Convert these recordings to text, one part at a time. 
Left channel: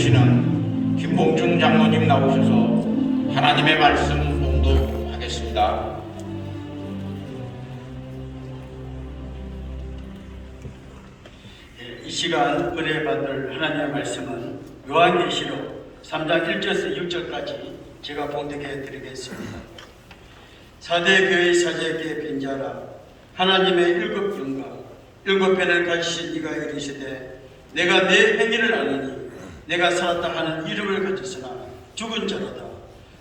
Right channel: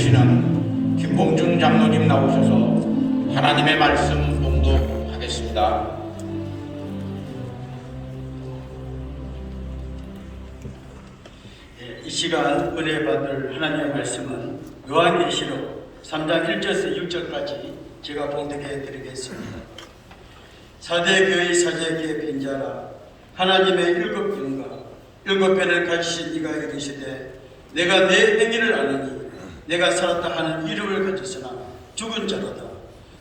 시는 김봉준 장로님 나오셔서 하나님의 말씀 봉독하겠습니다. 이 시간 은혜 받을 하나님의 말씀은 요한계시록 3장 1절에서 6절까지 제가 봉독해 드리겠습니다. 사대교회 사제에게 빈자라, 하나님의 일곱 분과 일곱 배를 가지신 이가 이르시되 내가 내 행위를 아느니 내가 살았다 하는 이름을 가졌으나 죽은 자로다.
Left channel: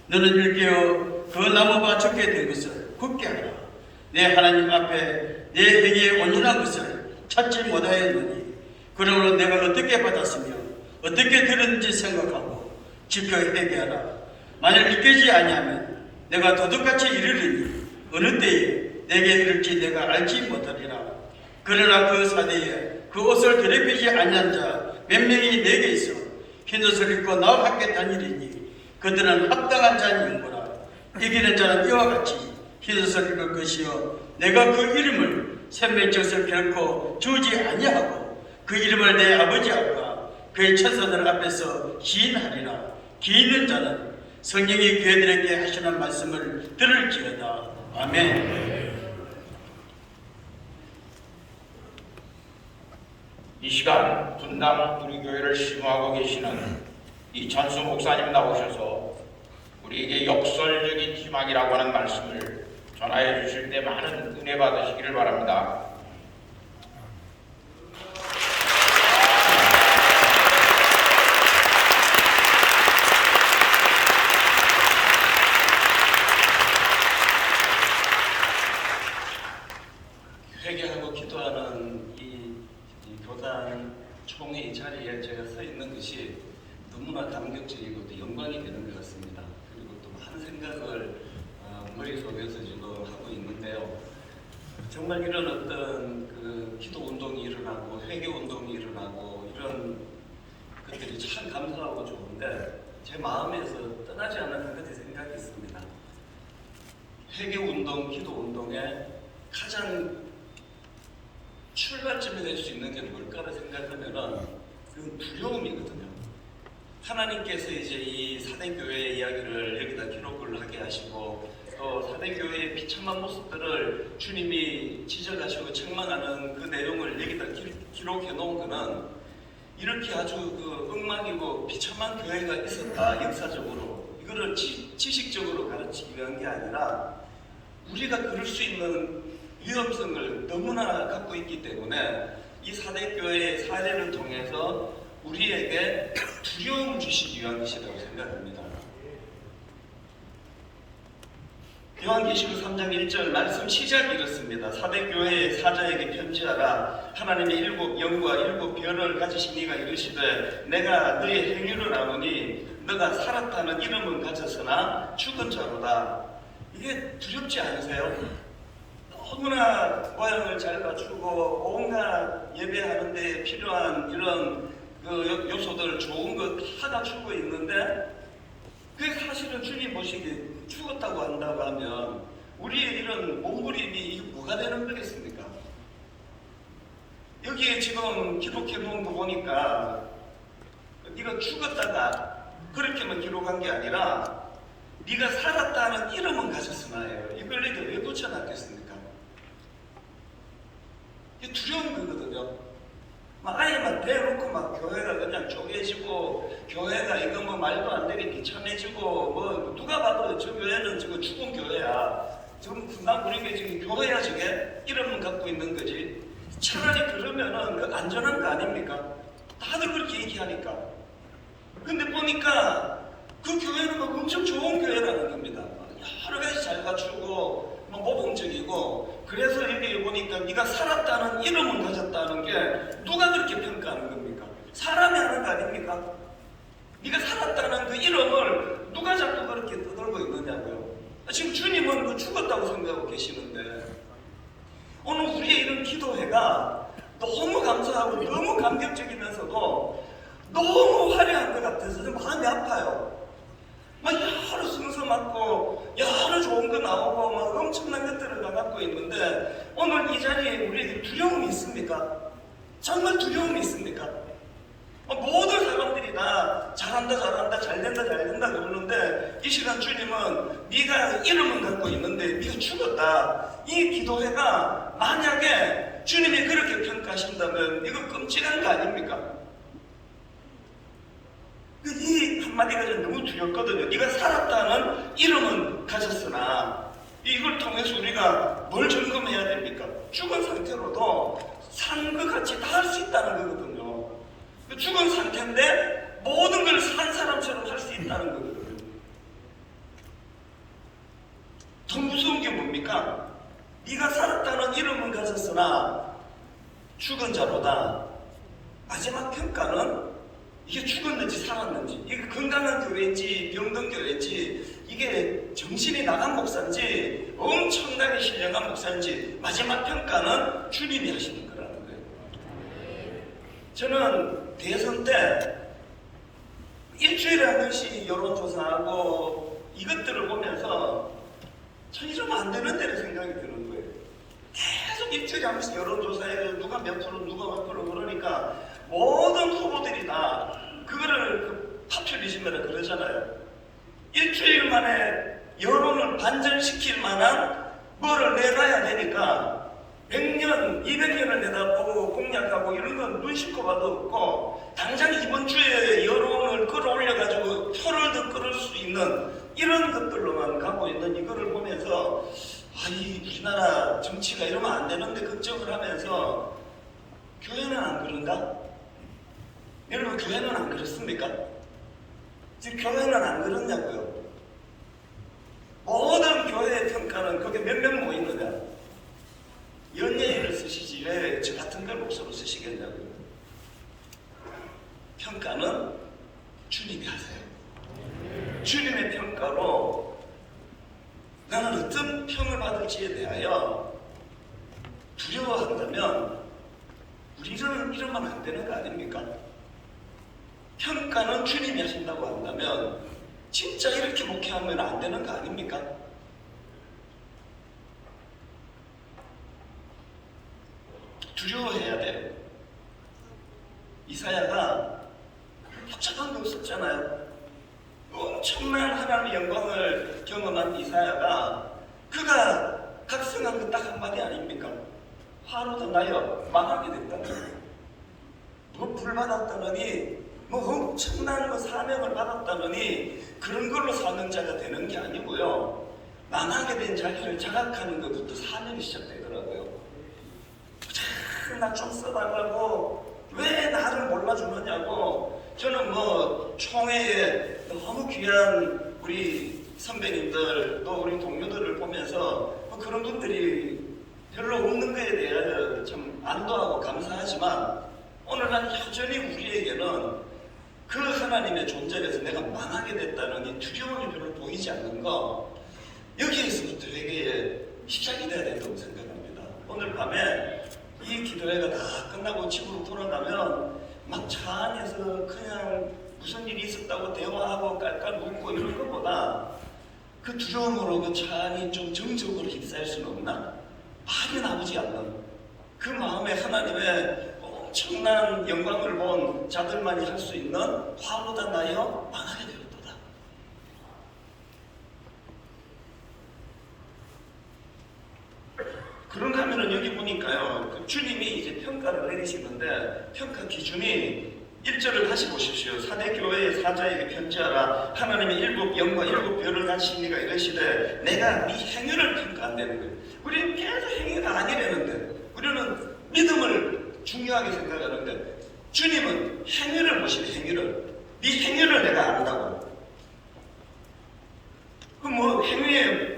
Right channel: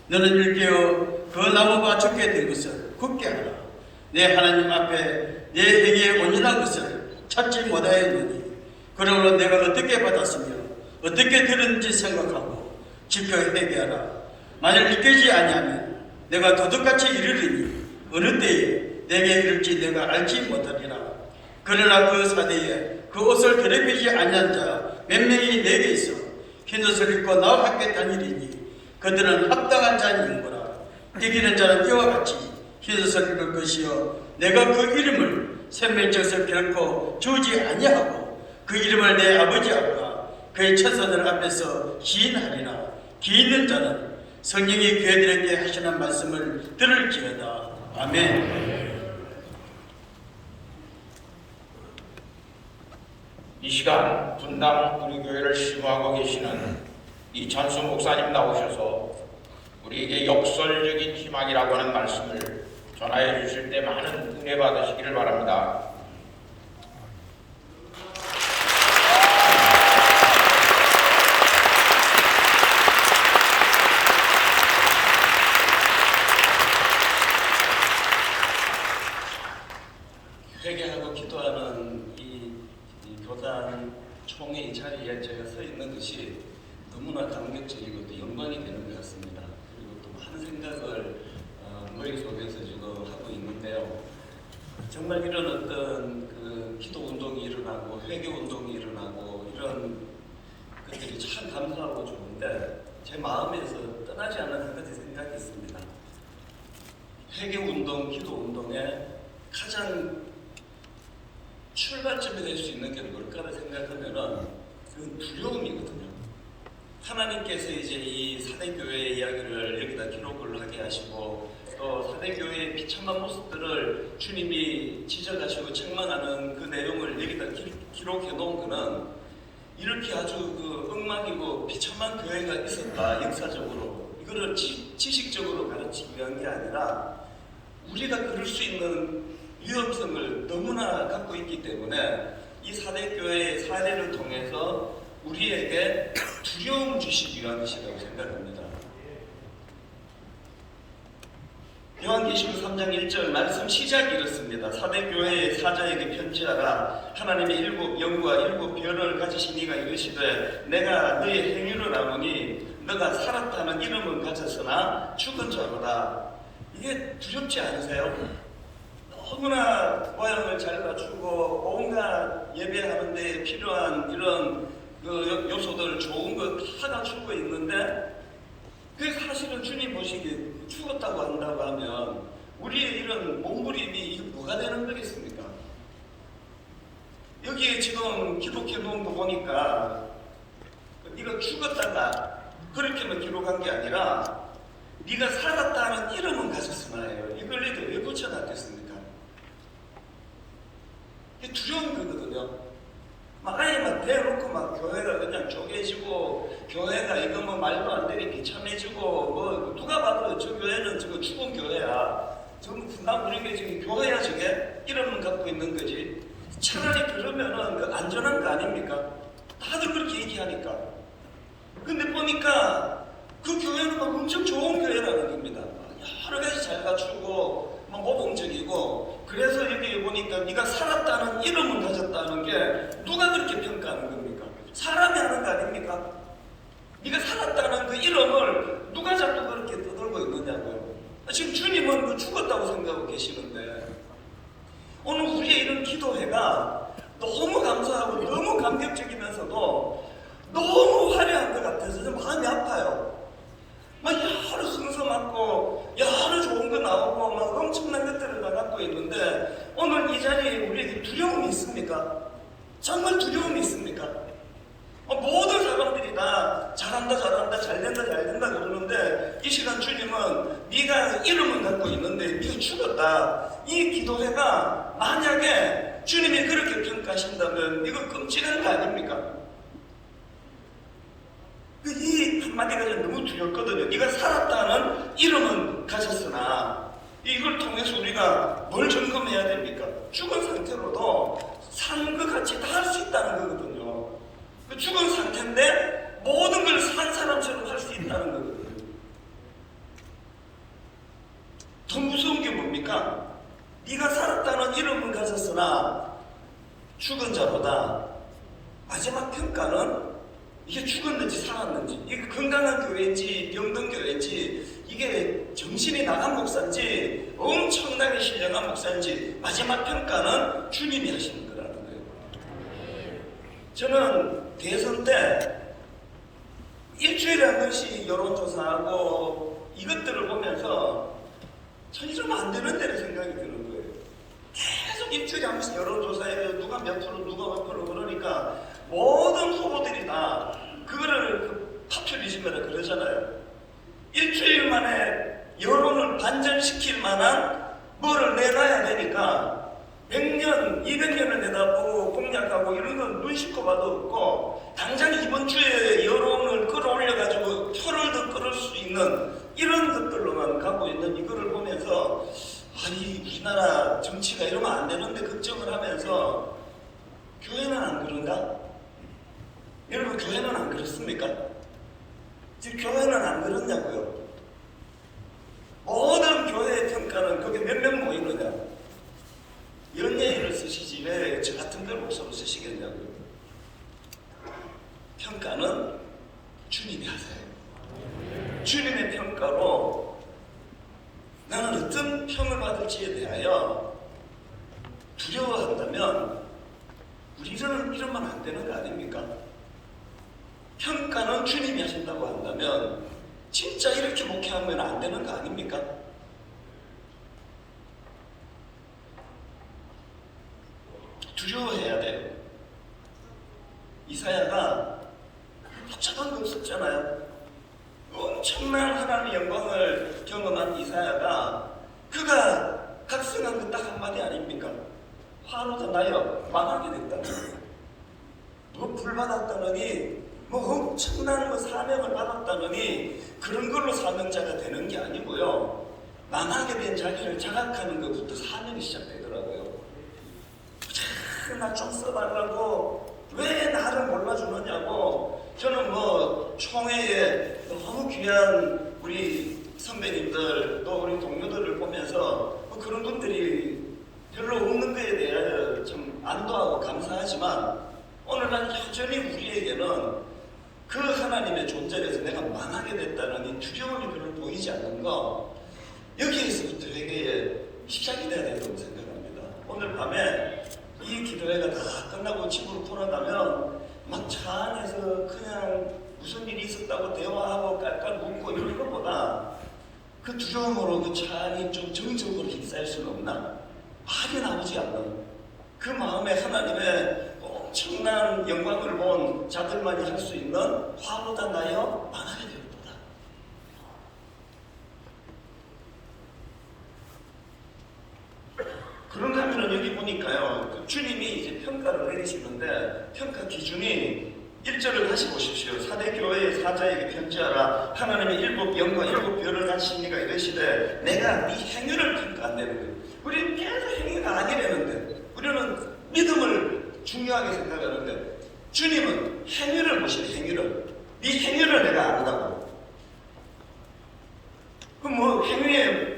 너는 일깨어 그 나무가 죽게 된 것을 굳게 하라. 내 하나님 앞에 내 행위에 온전한 것을 찾지 못하였느니 그러므로 내가 어떻게 받았으며 어떻게 들었는지 생각하고 지켜 회개하라. 만일 믿기지 아니하면 내가 도둑같이 이르리니 어느 때에 내게 이를지 내가 알지 못하리라. 그러나 그 사대에 그 옷을 더럽히지 아니한 자 몇 명이 내게 있어 흰 옷을 입고 나와 함께 다니리니 그들은 합당한 자니이구나. 이기는 자는 이와 같이 흰 옷을 입을 것이요 내가 그 이름을 생명책에서 결코 주지 아니하고 그 이름을 내 아버지 앞과 그의 천사들 앞에서 시인하리라. 기 있는 자는 성령이 그들에게 하시는 말씀을 들을지어다. 아멘. 이 시간 분당 우리 교회를 심호하고 계시는 이찬수 목사님 나오셔서 우리에게 역설적인 희망이라고 하는 말씀을 전하여 주실 때 많은 은혜 받으시기를 바랍니다. 회개하고 기도하는 이 교단 총회 자리에 제가 서 있는 것이 너무나 감격적이고 또 영광이 되는 것 같습니다. 그리고 또 한 생각을 머릿속에서 지금 하고 있는데요. 정말 이런 어떤 그 기도 운동이 일어나고 회개 운동이 일어나고 이런 것들이 참 감사하고 좋은데 제 마음에서 떠나지 않는 한 가지 생각이 있습니다. 회개 운동, 기도 운동에 가장 출발점이 될 수 있는 게 뭘까를 생각하면은 그건 두려움이거든요. 하나님께서 이제 이 사대교회의 이야기를 여기다 기록을 하게 하시고 또 사대교회의 비참한 모습들을 주님이 지적하시고 책망하는 그 내용을 여기다 기록해 놓은 거는 이렇게 아주 그 엉망이고 비참한 교회가 있었다 역사적으로 이거를 지식적으로 가르치기 위한 게 아니라 우리가 그럴 수 있는 위험성을 너무나 갖고 있기 때문에 이 사대교회의 사례를 통해서 우리에게 두려움 주시기 위한 것이라고 생각합니다. 요한계시록 3장 1절 말씀 시작이 이렇습니다. 사대교회의 사자에게 편지하라. 하나님의 일곱 영과 일곱 별을 가지신 이가 이르시되 내가 너의 행위를 아노니 너가 살았다는 이름은 가졌으나 죽은 자로다. 이게 두렵지 않으세요? 너무나 모양을 잘 갖추고 온갖 예배하는 데 필요한 이런 그 요소들 좋은 거 다 갖추고 있는데 그 사실은 주님 보시기에 죽었다고 한다고 하면 우리의 이런 몸부림이 뭐가 되는 거겠습니까? 여기에 지금 기록해 놓은 거 보니까 네가 죽었다가 그렇게만 기록한 게 아니라 네가 살았다는 이름은 가졌으나요. 이걸 왜 붙여놨겠습니까? 두려운 거거든요. 막 아예 막 대놓고 막 교회가 그냥 쪼개지고 교회가 이거 뭐 말도 안 되게 비참해지고 뭐 누가 봐도 저 교회는 저거 죽은 교회야. 전부 나 우리게 지금 교회야 저게 이름만 갖고 있는 거지. 차라리 그러면은 안전한 거 아닙니까? 다들 그렇게 얘기하니까. 근데 보니까 그 교회는 막 엄청 좋은 교회라는 겁니다. 여러 가지 잘 갖추고 모범적이고 그래서 여기 보니까 네가 살았다는 이름을 가졌다는 게 누가 그렇게 평가하는 겁니까? 사람이 하는 거 아닙니까? 네가 살았다는 그 이름을 누가 자꾸 그렇게 떠들고 있느냐고요. 지금 주님은 그 죽었다고 생각하고 계시는데 오늘 우리의 이런 기도회가 너무 감사하고 너무 감격적이면서도 너무 화려한 것 같아서 마음이 아파요. 막 여러 순서 맞고 여러 좋은 거 나오고 막 엄청난 것들을 다 갖고 있는데 오늘 이 자리에 우리에게 두려움이 있습니까? 정말 두려움이 있습니까? 모든 사람들이 다 잘한다 잘된다 그러는데 이 시간 주님은 네가 이름은 갖고 있는데 네가 죽었다. 이 기도회가 만약에 주님이 그렇게 평가하신다면 이거 끔찍한 거 아닙니까? 이 한마디가 너무 두렵거든요. 네가 살았다는 이름은 가졌으나 이걸 통해서 우리가 뭘 점검해야 됩니까? 죽은 상태로도 사는 것 같이 다 할 수 있다는 거거든요. 죽은 상태인데 모든 걸 산 사람처럼 할 수 있다는 거거든요. 더 무서운 게 뭡니까? 네가 살았다는 이름은 가졌으나 죽은 자보다 마지막 평가는 이게 죽었는지 살았는지, 이게 건강한 교회인지 병든 교회인지, 이게 정신이 나간 목사인지 엄청나게 신령한 목사인지 마지막 평가는 주님이 하시는 거라는 거예요. 저는 대선 때 일주일에 한 번씩 여론조사하고 이것들을 보면서 전혀 좀 안 되는데 생각이 드는 거예요. 계속 일주일에 한 번씩 여론조사해서 누가 몇 프로 누가 몇 프로 그러니까 모든 후보들이 다 그거를 파퓰리즘이라 그러잖아요. 일주일 만에 여론을 반전시킬 만한 뭐를 내놔야 되니까 100년, 200년을 내다보고 공략하고 이런 건 눈 씻고 봐도 없고 당장 이번 주에 여론을 끌어올려가지고 표를 더 끌을 수 있는 이런 것들로만 갖고 있는 이거를 보면서 아니 우리나라 정치가 이러면 안 되는데 걱정을 하면서 교회는 안 그런가? 여러분 교회는 안 그렇습니까? 지금 교회는 안 그렇냐고요? 모든 교회의 평가는 그게 몇 명 모이느냐? 연예인을 쓰시지 왜 저 같은 걸 목사로 쓰시겠냐고요? 평가는 주님이 하세요. 주님의 평가로 나는 어떤 평을 받을지에 대하여 두려워한다면 우리는 이러면 안 되는 거 아닙니까? 평가는 주님이 하신다고 한다면 진짜 이렇게 목회하면 안 되는 거 아닙니까? 두려워해야 돼요. 이사야가 복잡한 거 없었잖아요. 엄청난 하나님의 영광을 경험한 이사야가 그가 각성한 거 딱 한마디 아닙니까? 화로도 나여 망하게 됐다. 뭐 불받았다느니 뭐 엄청난 거 사명을 받았다느니 그런 걸로 사명자가 되는 게 아니고요. 망하게 된 자기를 자각하는 것부터 사명이 시작되더라고요. 나 좀 써달라고 왜 나를 몰라주느냐고. 저는 뭐 총회에 너무 귀한 우리 선배님들 또 우리 동료들을 보면서 뭐 그런 분들이 별로 없는 것에 대해 참 안도하고 감사하지만 오늘날 여전히 우리에게는 그 하나님의 존재에서 내가 망하게 됐다는 이 두려움이 별로 보이지 않는 거, 여기에서부터 회개에 시작이 돼야 된다고 생각합니다. 오늘 밤에 이 기도회가 다 끝나고 집으로 돌아가면 막 차 안에서 그냥 무슨 일이 있었다고 대화하고 깔깔 웃고 이런 것보다 그 두려움으로 그 차 안이 좀 정적으로 휩싸일 수는 없나? 말이 나오지 않는 그 마음에 하나님의 엄청난 영광을 본 자들만이 할 수 있는 화로다 나여 망하게 되었도다. 그런가 하면 여기 보니까요, 주님이 이제 평가를 내리시는데 평가 기준이 1절을 다시 보십시오. 사대교회의 사자에게 편지하라. 하나님의 일곱 영과 일곱 별을 가진 이가 이르시되 내가 네 행위를 평가한다는 거예요. 우리는 계속 행위가 아니라는데 우리는 믿음을 중요하게 생각하는데 주님은 행위를 보시네. 행위를. 네 행위를 내가 안다고. 그럼 뭐 행위에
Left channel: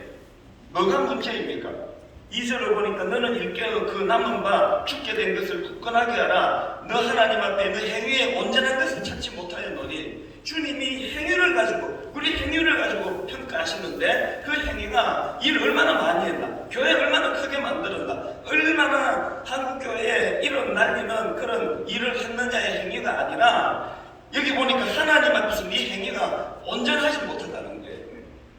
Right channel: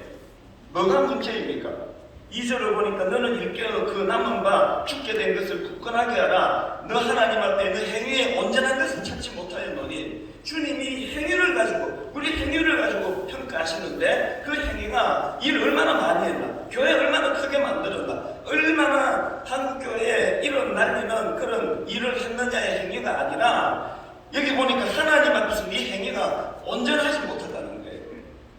뭐가 문제입니까? 2절을 보니까 너는 일깨어 그 남은 바 죽게 된 것을 굳건하게 하라. 너 하나님 앞에 너 행위에 온전한 것을 찾지 못하였노니. 주님이 행위를 가지고 우리 행위를 가지고 평가하시는데 그 행위가 일을 얼마나 많이 했나, 교회를 얼마나 크게 만들었나, 얼마나 한국교회에 일어나는 그런 일을 했느냐의 행위가 아니라 여기 보니까 하나님 앞에서 네 행위가 온전하지 못하다는 거예요.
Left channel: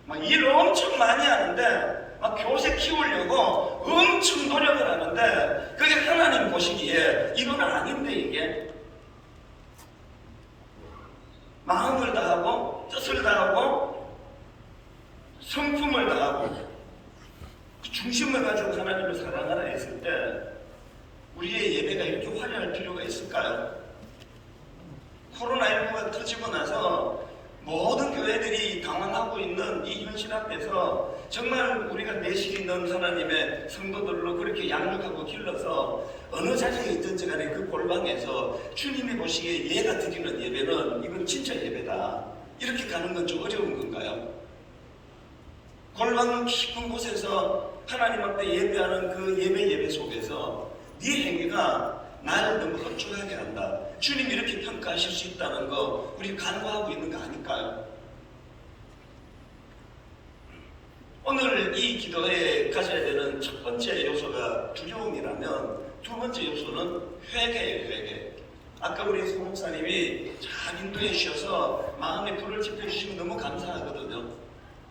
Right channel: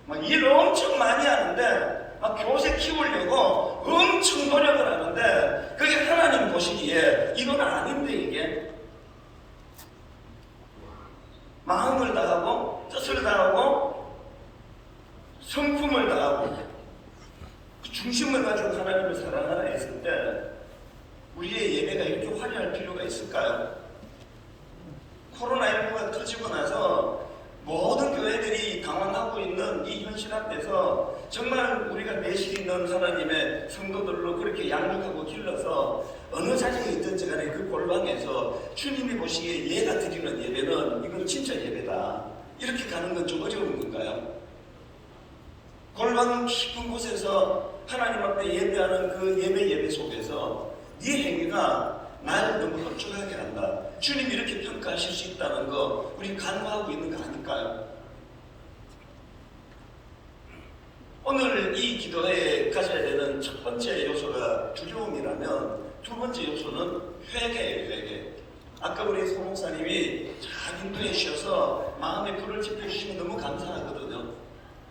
막 일을 엄청 많이 하는데 막 교세 키우려고 엄청 노력을 하는데 그게 하나님 보시기에 이건 아닌데 이게 마음을 다하고 뜻을 다하고 성품을 다하고 중심을 가지고 하나님을 사랑하라 했을 때 우리의 예배가 이렇게 화려할 필요가 있을까요? 코로나19가 터지고 나서 모든 교회들이 당황하고 있는 이 현실 앞에서 정말 우리가 내실 있는 하나님의 성도들로 그렇게 양육하고 길러서 어느 자리에 있든지 간에 그 골방에서 주님이 보시기에 얘가 드리는 예배는 이건 진짜 예배다, 이렇게 가는 건 좀 어려운 건가요? 골방 깊은 곳에서 하나님 앞에 예배하는 그 예배 속에서 네 행위가 나를 너무 흡족하게 한다, 주님이 이렇게 평가하실 수 있다는 거 우리 간과하고 있는 거 아닐까요? 오늘 이 기도에 가져야 되는 첫 번째 요소가 두려움이라면 두 번째 요소는 회개예요. 회개. 아까 우리 송 목사님이 잘 인도해 주셔서 마음에 불을 지펴주시면 너무 감사하거든요.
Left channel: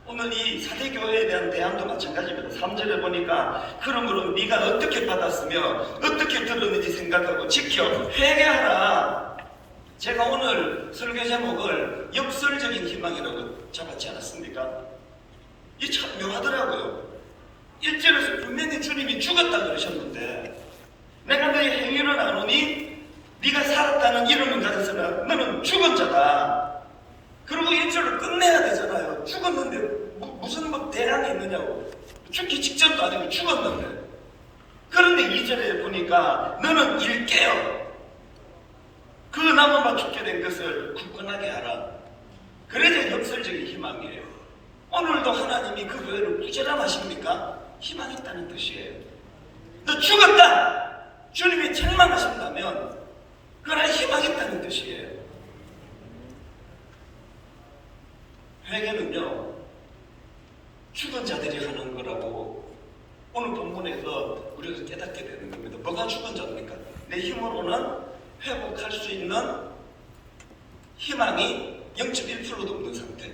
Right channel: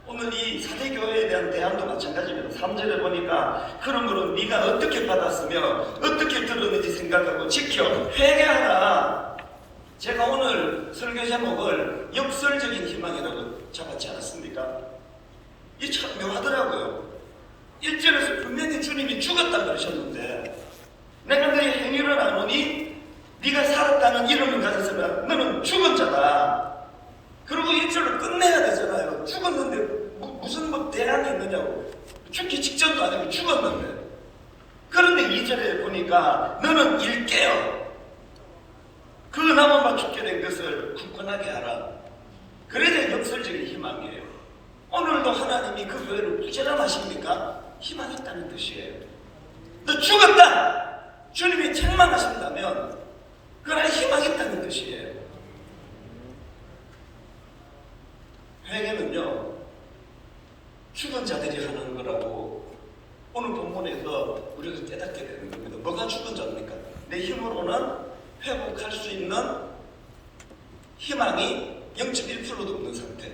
오늘 이 사대교회에 대한 대안도 마찬가지입니다. 3절에 보니까 그러므로 네가 어떻게 받았으며 어떻게 들었는지 생각하고 지켜 회개하라. 제가 오늘 설교 제목을 역설적인 희망이라고 잡았지 않았습니까? 이 참 묘하더라고요. 1절에서 분명히 주님이 죽었다 그러셨는데 내가 너의 행위를 아노니 네가 살았다는 이름을 가졌으면 너는 죽은 자다. 그리고 1절로 끝내야 되잖아요. 죽었는데 무슨 대안이 있느냐고. 죽기 직전도 아니고 죽었는데. 그런데 2절에 보니까 너는 일깨어 그 나무만 죽게 된 것을 굳건하게 하라. 그래야 역설적인 희망이에요. 오늘도 하나님이 그 교회를 부재람하십니까? 희망했다는 뜻이에요. 너 죽었다! 주님이 책망하신다면 그러나 희망했다는 뜻이에요. 회개는요, 죽은 자들이 하는 거라고 오늘 본문에서 우리가 깨닫게 되는 겁니다. 뭐가 죽은 자입니까? 내 힘으로는 회복할 수 있는 희망이 0.1%도 없는 상태.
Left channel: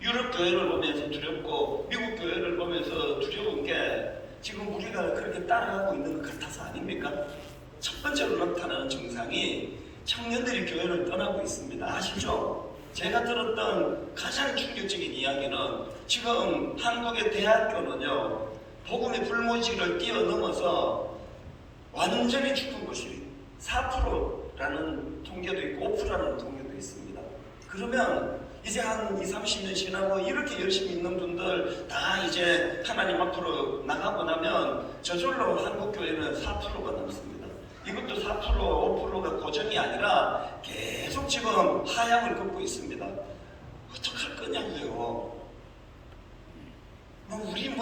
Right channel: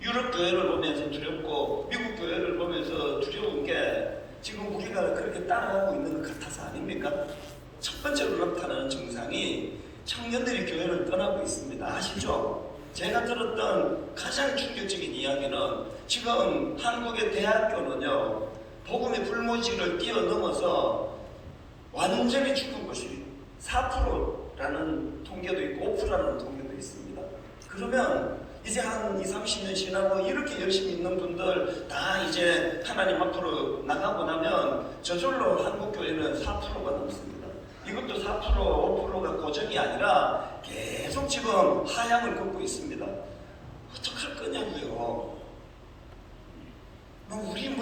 유럽 교회를 보면서 두렵고 미국 교회를 보면서 두려운 게 지금 우리가 그렇게 따라가고 있는 것 같아서 아닙니까? 첫 번째로 나타나는 증상이 청년들이 교회를 떠나고 있습니다. 아시죠? 제가 들었던 가장 충격적인 이야기는 지금 한국의 대학교는요, 복음의 불모지를 뛰어넘어서 완전히 죽은 것이 4%라는 통계도 있고 5%라는 통계도 있습니다. 그러면 이제 한 20, 30년 지나고 이렇게 열심히 있는 분들 다 이제 하나님 앞으로 나가고 나면 저절로 한국교회는 4%가 넘습니다. 이것도 4%, 5%가 고정이 아니라 계속 지금 하향을 걷고 있습니다. 어떡할 거냐고요. 우리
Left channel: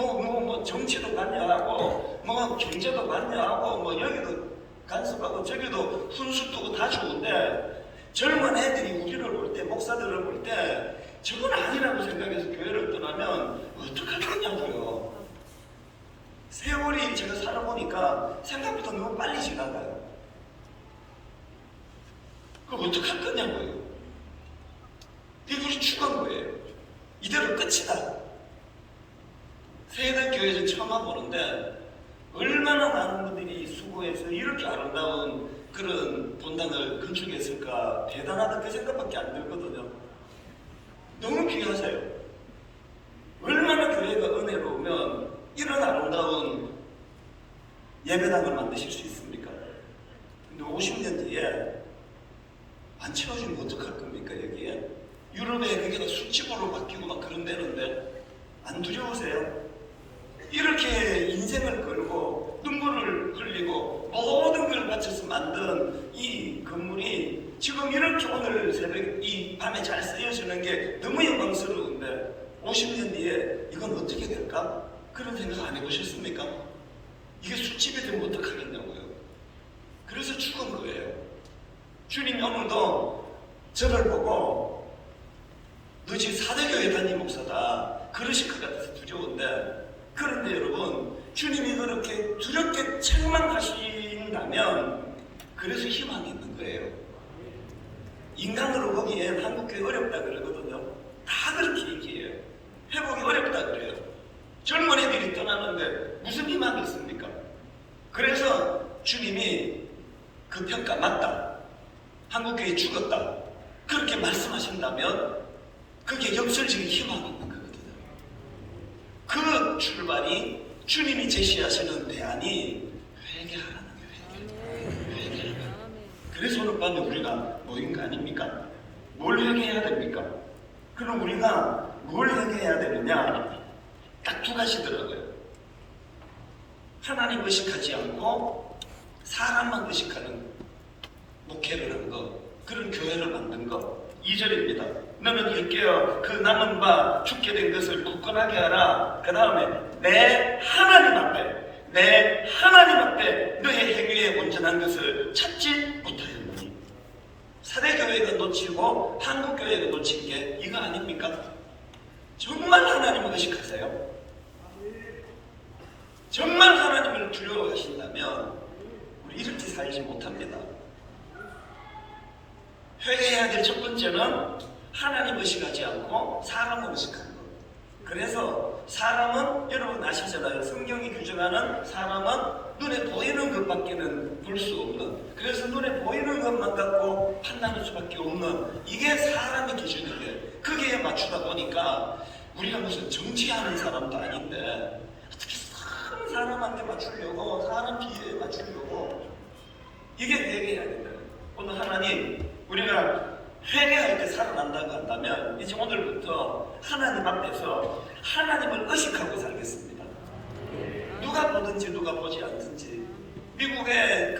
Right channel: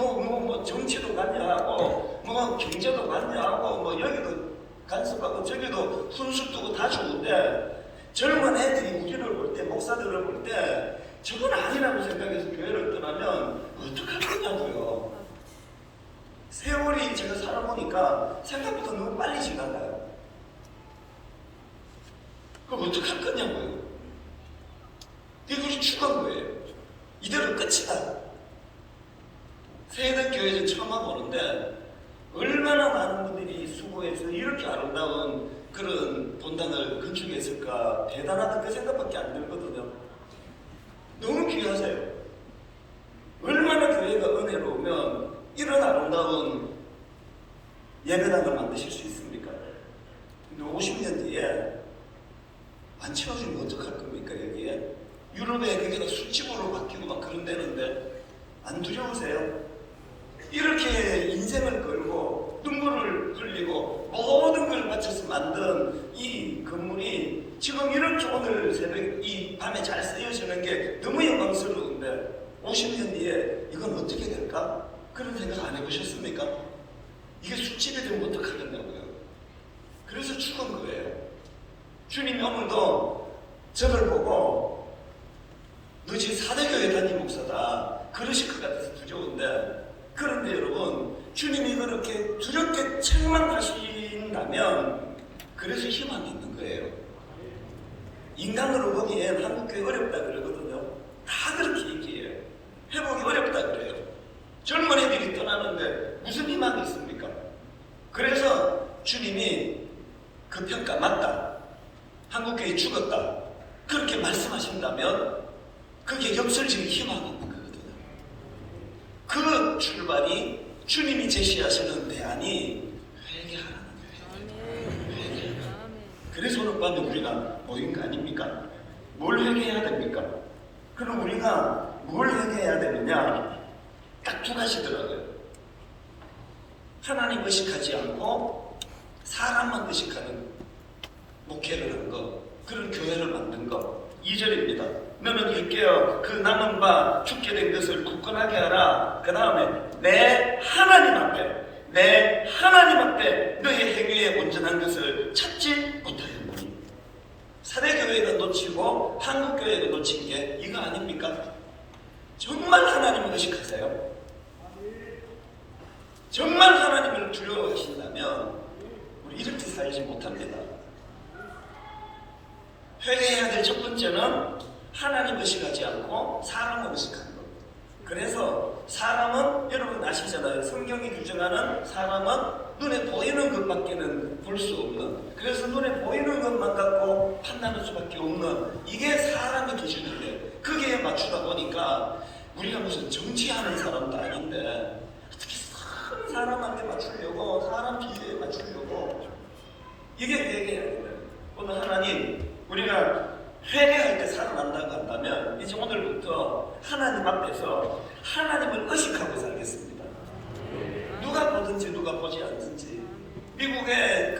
정치도 관여하고 경제도 관여하고 여기도 간섭하고 저기도 훈수 두고 다 좋은데 젊은 애들이 우리를 볼 때, 목사들을 볼 때 저건 아니라고 생각해서 교회를 떠나면 어떡할 거냐고요. 세월이 제가 살아보니까 생각보다 너무 빨리 지나가요. 그럼 어떡할 거냐고요. 이들이 죽은 거예요. 이대로 끝이다. 세대교회에서 처음 와보는데 얼마나 많은 분들이 수고해서 이렇게 아름다운 그런 본당을 건축했을까. 대단하다 그 생각밖에 안 들거든요. 너무 귀하세요. 얼마나 교회가 은혜로우면 이런 아름다운 예배당을 만드실 수 있습니까? 근데 50년 뒤에 안 채워주면 어떡할 겁니까? 여기에 유럽에 그게 술집으로 바뀌고 막 그런 데는데 안 두려우세요? 이렇게 인생을 걸고 눈물을 흘리고 모든 걸 바쳐서 만든 이 건물이 지금 이렇게 오늘 새벽 이 밤에 잘 쓰여지는 게 너무 영광스러운데 50년 뒤에 이건 어떻게 될까? 그런 생각 안 해보셨습니까? 이게 술집이 되면 어떡하겠냐고요. 그래서 죽은 거예요. 주님 오늘도 저걸 보고 너 지금 사대교회 담임 목사다 그러실 것 같아서 두려운데, 그런데 여러분 주님이 그렇게 두렵게 책망하신다면 그래서 희망이 있는 거예요. 인간으로 보기엔 한국교회 어렵다 그러거든요. 다 그렇게 얘기해요. 회복이 어렵다 그래요. 젊은 애들이 떠나는데 무슨 희망이 있습니까? 그래서 주님이 그 평가 맞다. 한국교회 한국교회 죽었다 그렇게 말씀하신다면 그게 역설적인 희망이 있는 거거든요. 그 출발이 주님이 제시하시는 대안이 회개하라는 거예요. 회개. 그래서 오늘 밤에 우리가 모인 거 아닙니까? 뭘 회개해야 됩니까? 그럼 우리가 뭘 회개해야 되느냐? 딱 두 가지더라고요. 하나님 의식하지 않고 사람만 의식하는 목회를 한 거, 그런 교회를 만든 거. 2절입니다. 너는 일깨어 그 남은 바 죽게 된 것을 굳건하게 하라. 그 다음에 내 하나님 앞에 너의 행위에 온전한 것을 찾지 못하였노니. 사대교회가 놓치고 한국교회가 놓친 게 이거 아닙니까? 정말 하나님을 의식하세요? 정말 하나님을 두려워하신다면 우리 이렇게 살지 못합니다. 회개해야 될 첫 번째는 하나님 의식하지 않고 사람을 의식하는 것. 그래서 사람은 여러분 아시잖아요. 성경이 규정하는 사람은 눈에 보이는 것밖에는 볼 수 없는, 그래서 눈에 보이는 것만 갖고 판단할 수밖에 없는, 이게 사람의 기준이에요. 거기에 맞추다 보니까 우리가 무슨 정치하는 사람도 아닌데 어떻게 사람한테 맞추려고, 사람 비례에 맞추려고, 이게 회개해야 돼요. 오늘 하나님, 우리가 회개할 때 살아난다고 한다면 이제 오늘부터 하나님 앞에서 하나님을 의식하고 살겠습니다. 누가 보든지 누가 보지 않든지. 미국의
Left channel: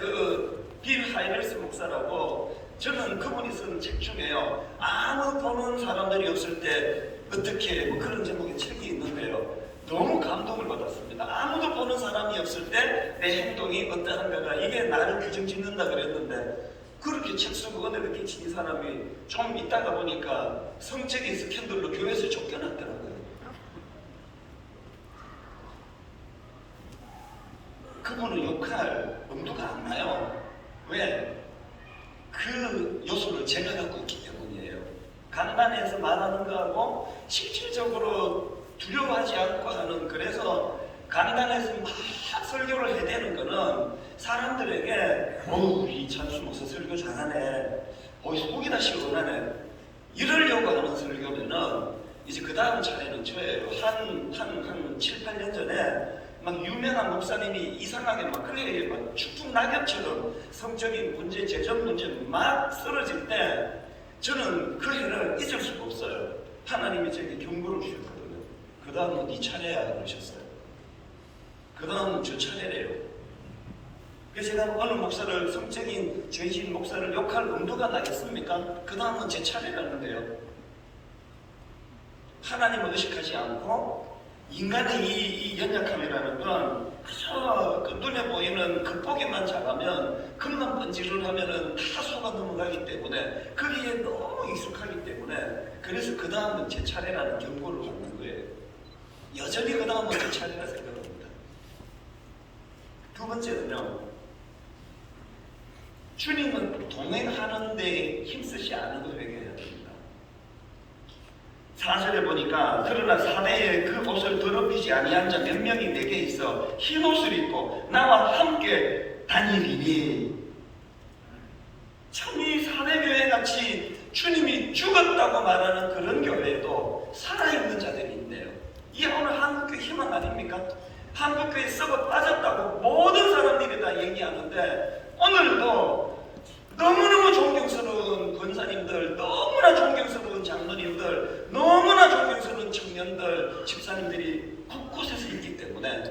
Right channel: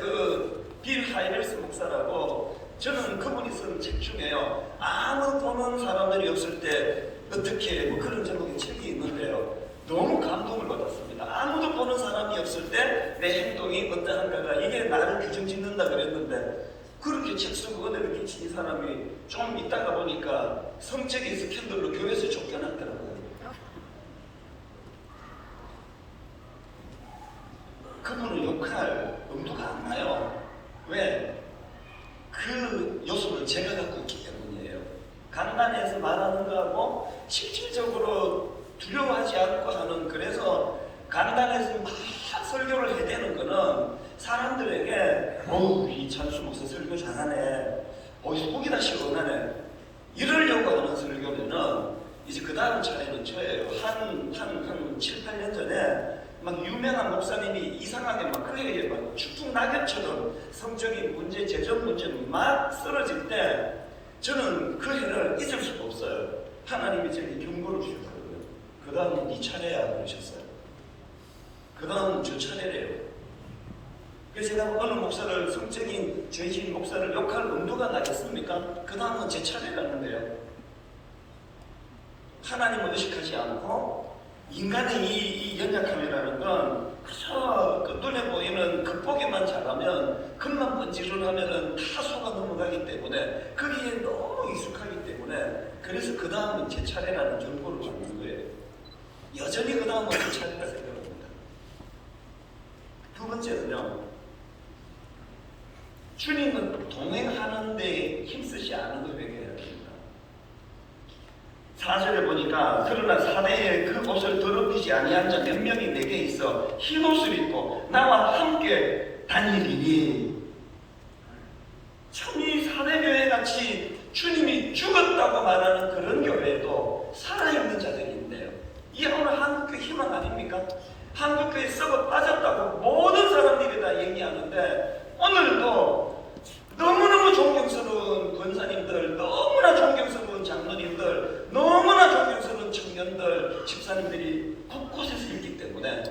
빌 하이럴스 목사라고, 저는 그분이 쓴 책 중에요, 아무 보는 사람들이 없을 때 어떻게, 뭐 그런 제목의 책이 있는데요, 너무 감동을 받았습니다. 아무도 보는 사람이 없을 때 내 행동이 어떠한가가, 이게 나를 규정짓는다 그랬는데, 그렇게 책 쓰고 은혜를 끼친 사람이 좀 있다가 보니까 성적인 스캔들로 교회에서 쫓겨났더라고요. 그분을 욕할 엄두가 안 나요. 왜? 그 요소를 제가 갖고 있기 때문이에요. 간단해서 말하는 거하고 실질적으로 두려워하지 않고 하는, 그래서 간단해서 막 설교를 해대는 거는 사람들에게 이 찬수 목사 설교 잘하네, 속이 다 시원하네, 이러려고 하는 설교면은 이제 그 다음 차례는 저예요. 한 7, 8년 전에 막 유명한 목사님이 이상하게 막 클레이에 막 축축 낙엽처럼 성적인 문제, 재정 문제 막 쓰러질 때 저는 그 해를 잊을 수가 없어요. 하나님이 제게 경고를 주셨거든요. 그 다음은 네 차례야 그러셨어요. 그 다음은 저 차례래요. 그래서 제가 어느 목사를, 성적인 죄진 목사를 욕할 엄두가 나겠습니까? 그 다음은 제 차례라는 거예요. 하나님을 의식하지 않고 인간의 이 연약함이라는 건 그저 눈에 보이는 겉보기만 잘하면, 겉만 번지를 하면은 다 속아 넘어가기 때문에, 거기에 너무 익숙하기 때문에, 그래서 그 다음은 제 차례라는 경고를 받는 거예요. 여전히 그 다음은 제 차례라 생각합니다. 두 번째는요, 주님은 동행하는 데 힘쓰지 않은 걸 회개해야 됩니다. 4절에 보니까 그러나 사대에 그 옷을 더럽히지 아니한 자 몇 명이 내게 있어 흰 옷을 입고 나와 함께 다니리니. 참 이 사대교회 같이 주님이 죽었다고 말하는 그런 교회도 살아있는 자들이 있네요. 이게 오늘 한국교회 희망 아닙니까? 한국교회 썩어 빠졌다고 모든 사람들이 다 얘기하는데, 오늘도 너무너무 존경스러운 권사님들, 너무나 존경스러운 장로님들, 너무나 존경스러운 청년들, 집사님들이 곳곳에서 있기 때문에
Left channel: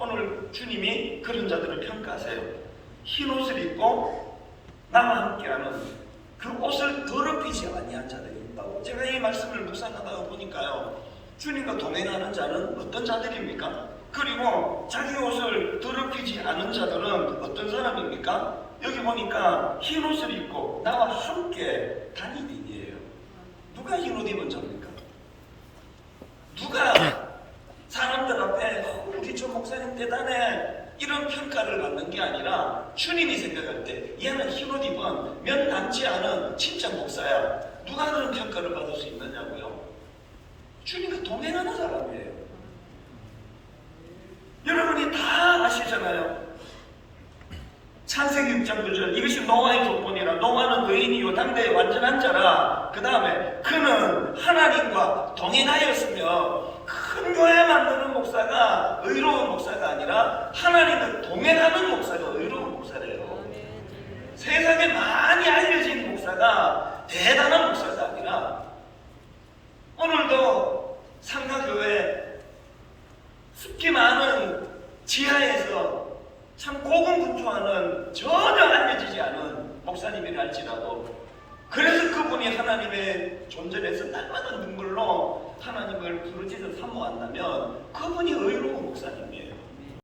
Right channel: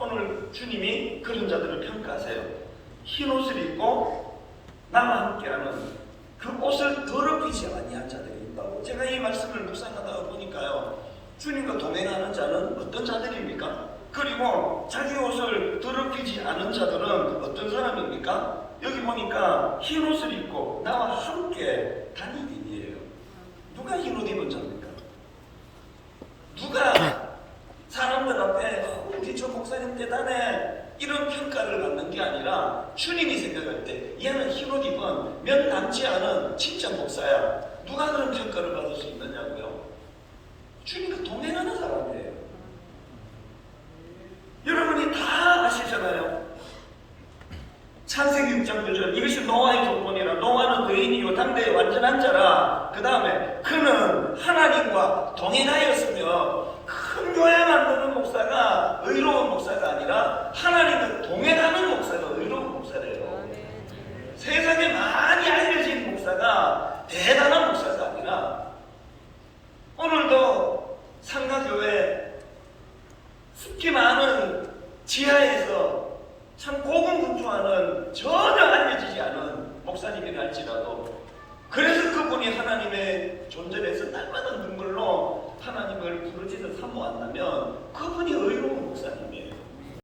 오늘 주님이 그런 자들을 평가하세요. 흰 옷을 입고 나와 함께하는, 그 옷을 더럽히지 아니한 자들이 있다고. 제가 이 말씀을 묵상하다 보니까요, 주님과 동행하는 자는 어떤 자들입니까? 그리고 자기 옷을 더럽히지 않은 자들은 어떤 사람입니까? 여기 보니까 흰 옷을 입고 나와 함께 다니니에요. 누가 흰 옷 입은 자입니까? 누가 사람들 앞에 우리 저 목사님 대단해 이런 평가를 받는 게 아니라, 주님이 생각할 때 얘는 흰 옷 입은 몇 남지 않은 진짜 목사야, 누가 그런 평가를 받을 수 있느냐고요? 주님과 동행하는 사람이에요. 여러분이 다 아시잖아요. 창세기 6장 9절, 이것이 노아의 조건이라 노아는 의인이요 당대의 완전한 자라. 그 다음에 그는 하나님과 동행하였으며, 큰 교회 만드는 목사가 의로운 목사가 아니라 하나님을 동행하는 목사가 의로운 목사래요. 세상에 많이 알려진 목사가 대단한 목사가 아니라, 오늘도 상가교회 습기 많은 지하에서 참 고군분투하는 전혀 알려지지 않은 목사님이라 할지라도, 그래서 그분이 하나님의 존재에서 날마다 눈물로 하나님을 부르짖어 사모한다면 그분이 의로운 목사님.